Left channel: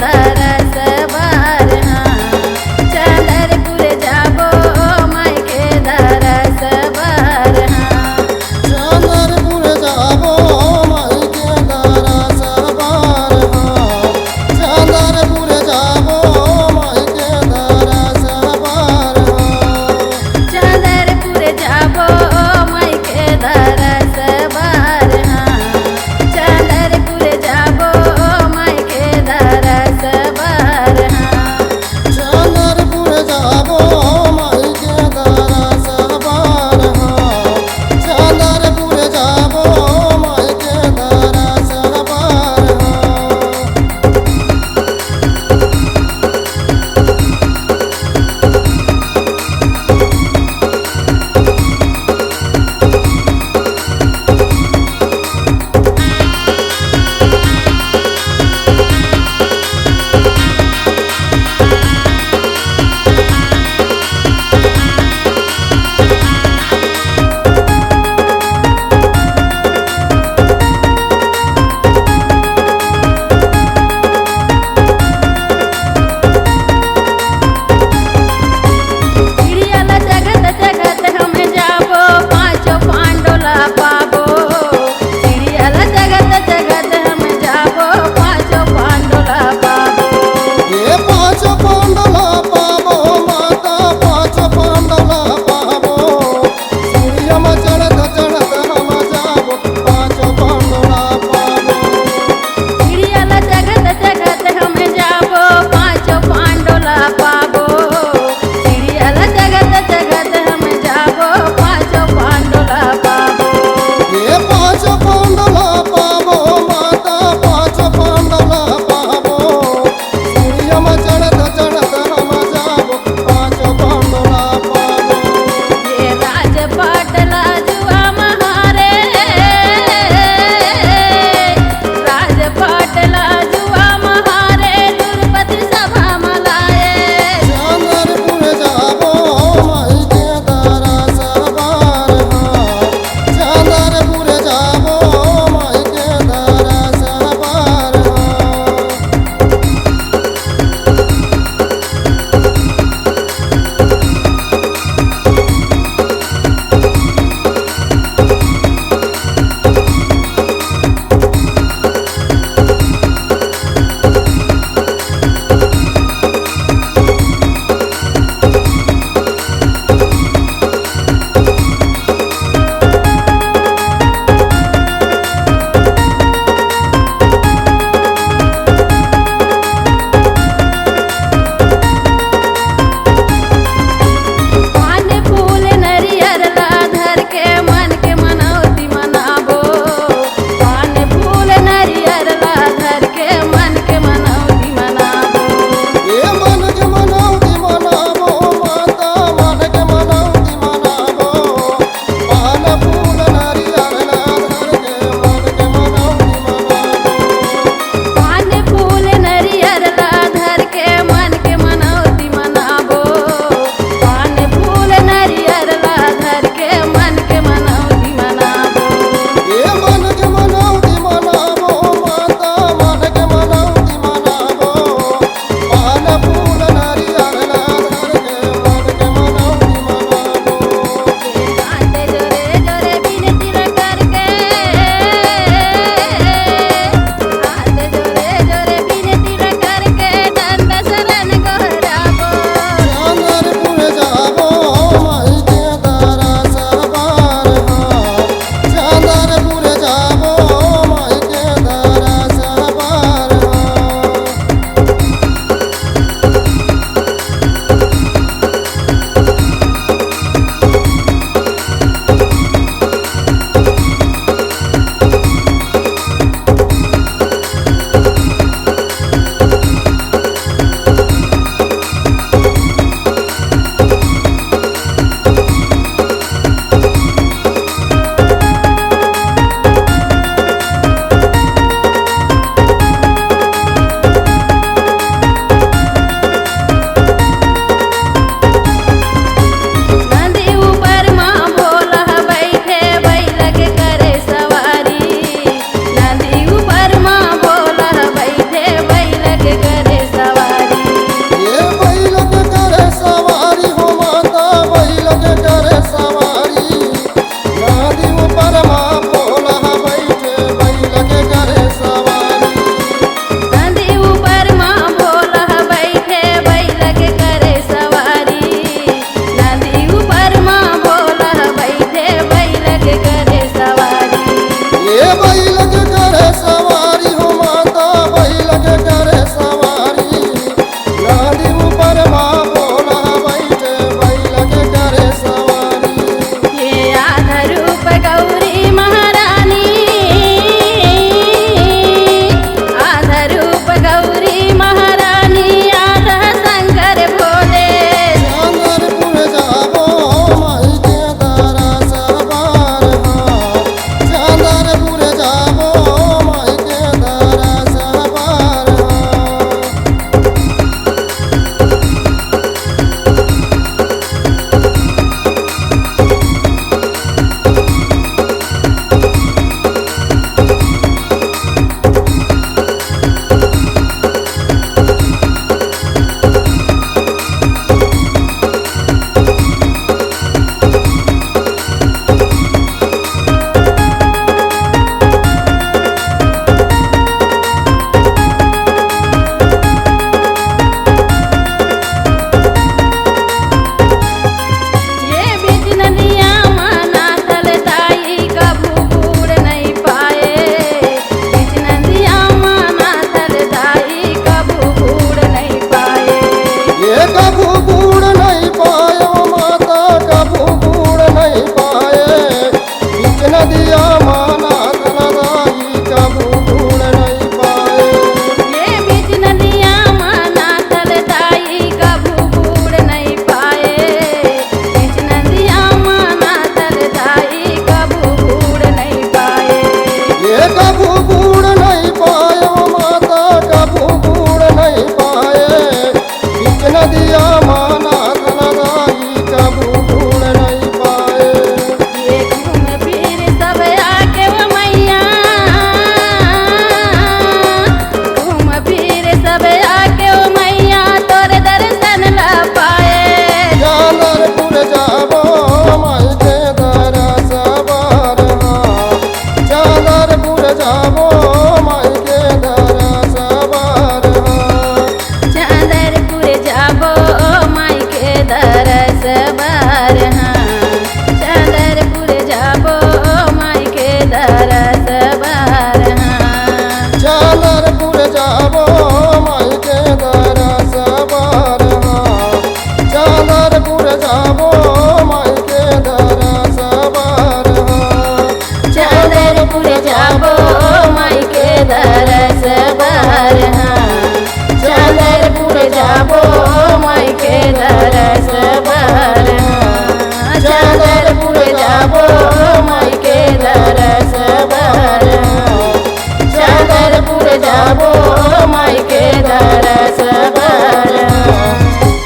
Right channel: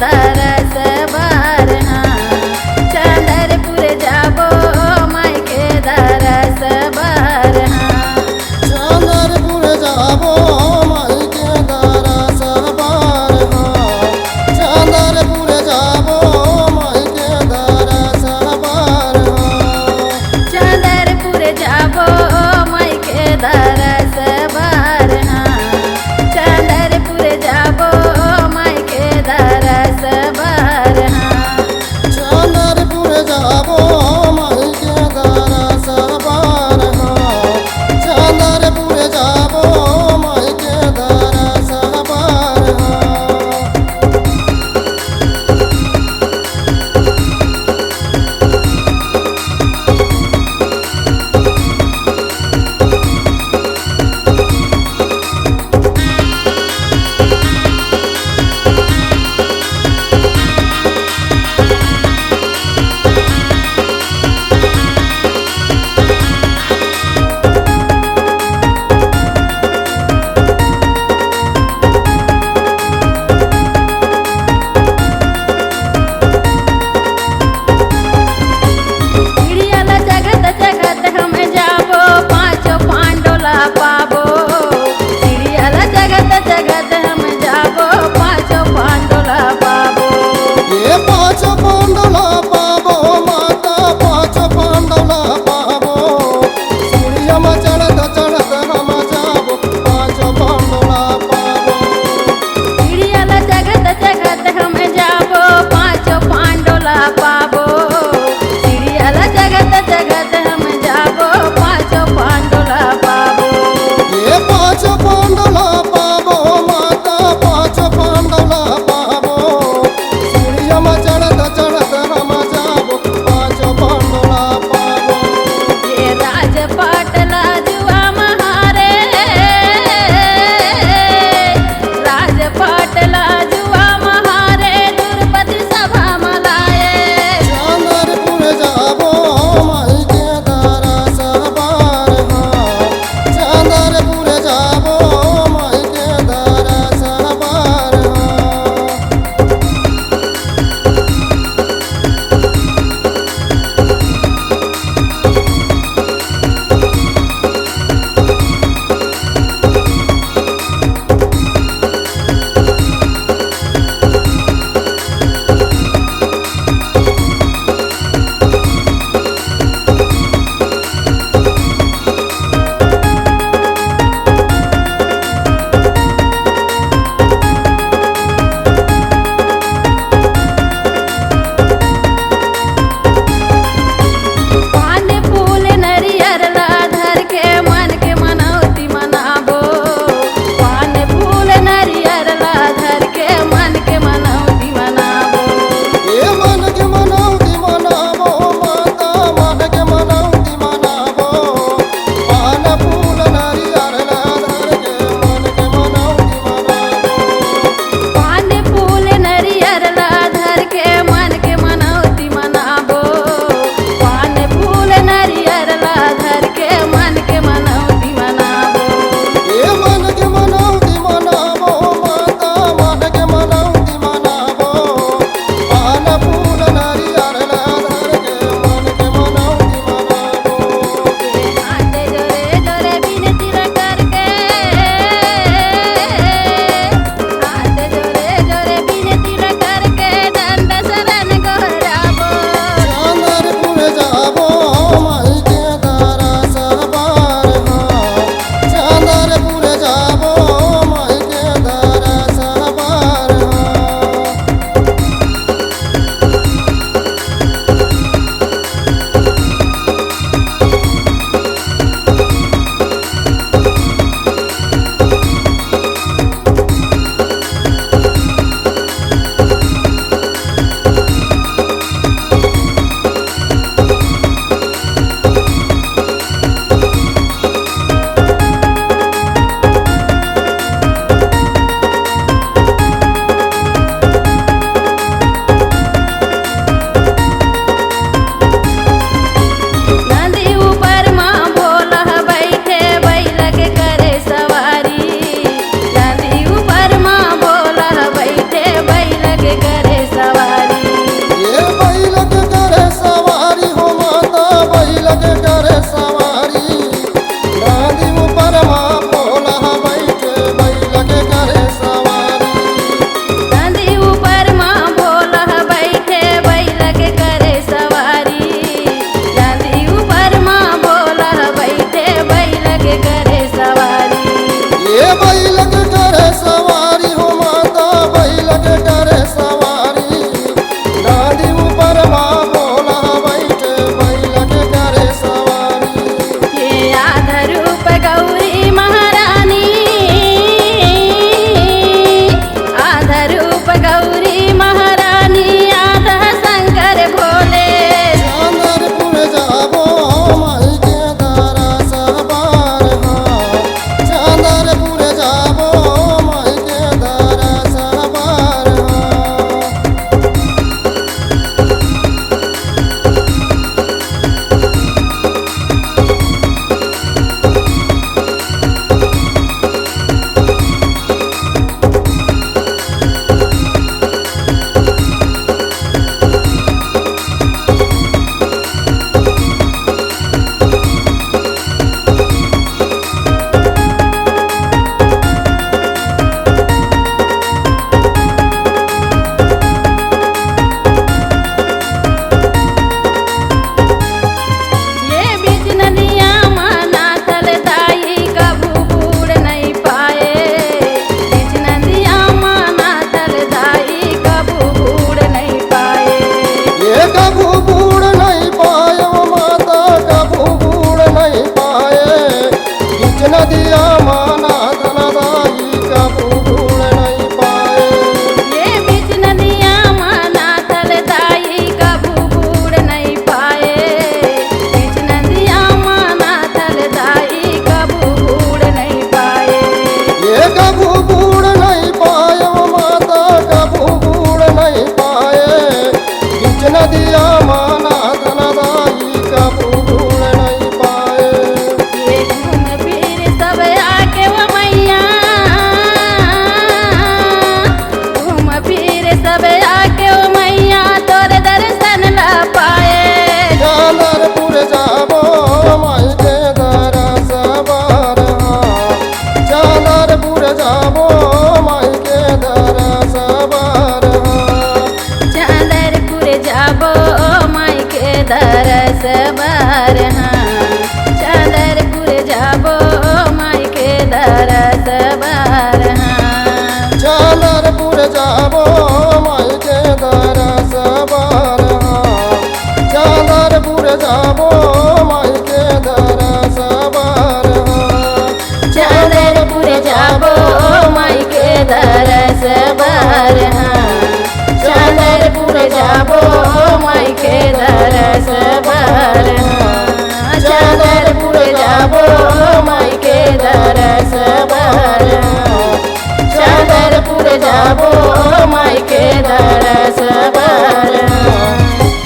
दरस बार हाँ चंदरपुर जाबो माई के दरस बार हाँ चंदरपुर जाबो माई के दरस बार हाँ चंदरपुर जाबो माई के दरस बार हाँ चंदरपुर जाबो माई के दरस बार हाँ चंदरपुर जाबो माई के दरस बार हाँ चंदरपुर जाबो माई के दरस बार हाँ चंदरपुर जाबो माई के दरस बार हाँ जगत हम जाबो पाँचों पांडोला पाबो सीढ़ियल जगत हम जाबो पाँचों पांडोला पाबो ये पाँचों पांडोला पाबो माता पाँचों पांडोला पाबो सीढ़िया में चढ़त हम जाबो पाँचों पांडोला पाबो सीढ़ियल जगत हम जाबो पाँचों पांडोला पाबो सीढ़ियल जगत हम जाबो पाँचों पांडोला पाबो ये पाँचों पांडोला पाबो माता पाँचों पांडोला पाबो सीढ़िया में चढ़त हम जाबो पाँचों पांडोला पाबो ये राजपाट लाजुआ महारे राजपाट लाजुआ महारे द्रुपदी सभा मलाए चंदरपुर जाबो माई के दरस बार हाँ चंदरपुर जाबो माई के दरस बार हाँ करे सवारी नदी ऊपर माँ भोला बैठे बैल के करे सवारी नदी ऊपर माँ भोला बैठे बैल के करे सवारी नदी ऊपर माँ भोला बैठे बैल के करे सवारी ये बैल के करे सवारी हो माता बैल के करे सवारी नदी ऊपर माँ भोला बैठे बैल के करे सवारी ये आधा रूप गौरी महारानी आधा रूप गौरी महारानी आधा शंकर भोले चंदरपुर जाबो माई के दरस बार हाँ चंदरपुर जाबो माई के दरस बार हाँ ये बीच नदिया माना थल दाई कभू बूढ़ नहीं पाए बीच नदिया माना थल दाई कभू बूढ़ नहीं पाए ये कभू बूढ़ नहीं पाए वो माता कभू बूढ़ नहीं पाए बीच नदिया माना धनदाई कभू बूढ़ नहीं पाए ये बीच नदिया माना थल दाई कभू बूढ़ नहीं पाए बीच नदिया माना थल दाई कभू बूढ़ नहीं पाए ये कभू बूढ़ नहीं पाए वो माता कभू बूढ़ नहीं पाए बीच नदिया माना धनदाई कभू बूढ़ नहीं पाए ये घूम फिर सब आके वो मैया घूम फिर सब आके वो मैया तोरे दर्शन ला पाए चंदरपुर जाबो माई के दरस बार हाँ चंदरपुर जाबो माई के दरस बार हाँ चंदरपुर जाबो माई के दरस बार हाँ चंदरपुर जाबो माई के दरस बार हाँ चंदरपुर जाबो माई के दरस बार हाँ चंदरपुर जाबो माई के दरस बार हाँ चंदरपुर जाबो माई के दरस बार हाँ चंदरपुर जाबो माई के दरस बार हाँ चंदरपुर जाबो माई के दरस बार हाँ चंदरपुर जाबो माई के दरस बार हाँ